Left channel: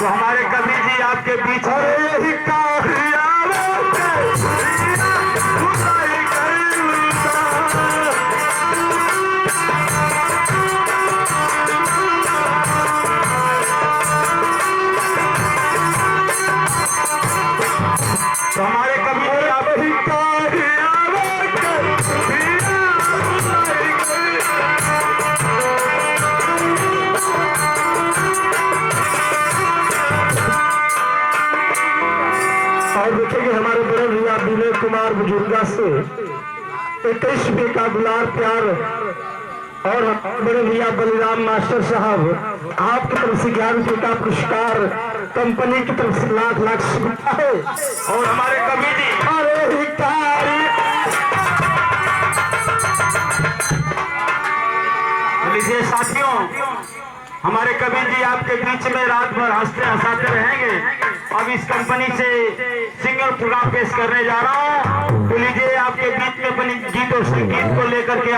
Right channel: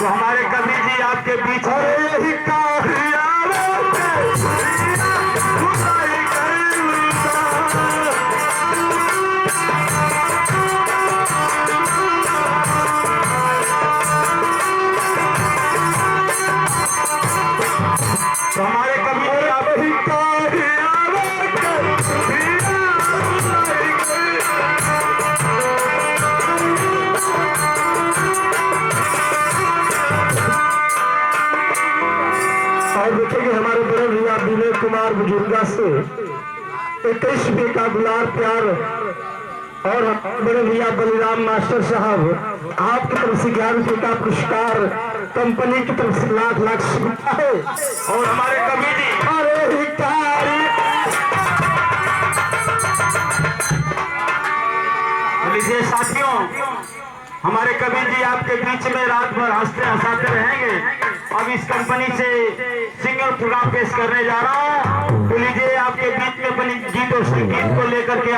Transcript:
तो हमारे कवि जी आपके बीच तो हमारे कवि जी और देखेंगे हमारे बड़े भैया विनय कुमार बुजुर्गा से 21वीं का दुलार प्यार और बड़े भैया बलिराम मास्टर साहब आपकी तरफ से 11 का पुरस्कार कंपनी की तरफ से लाख लाख शुक्रिया है। और हमारे कवि जी लीजिए साथियों, हमारे कवि जी आपके बीच में रात भर हंसते हंसाते रहेंगे। अब इस कंपनी से सिंगल प्रोग्राम पेश करने जा रहा हूँ। तो लीजिए आपके बीच में अपनी गीत और संगीत को लेकर के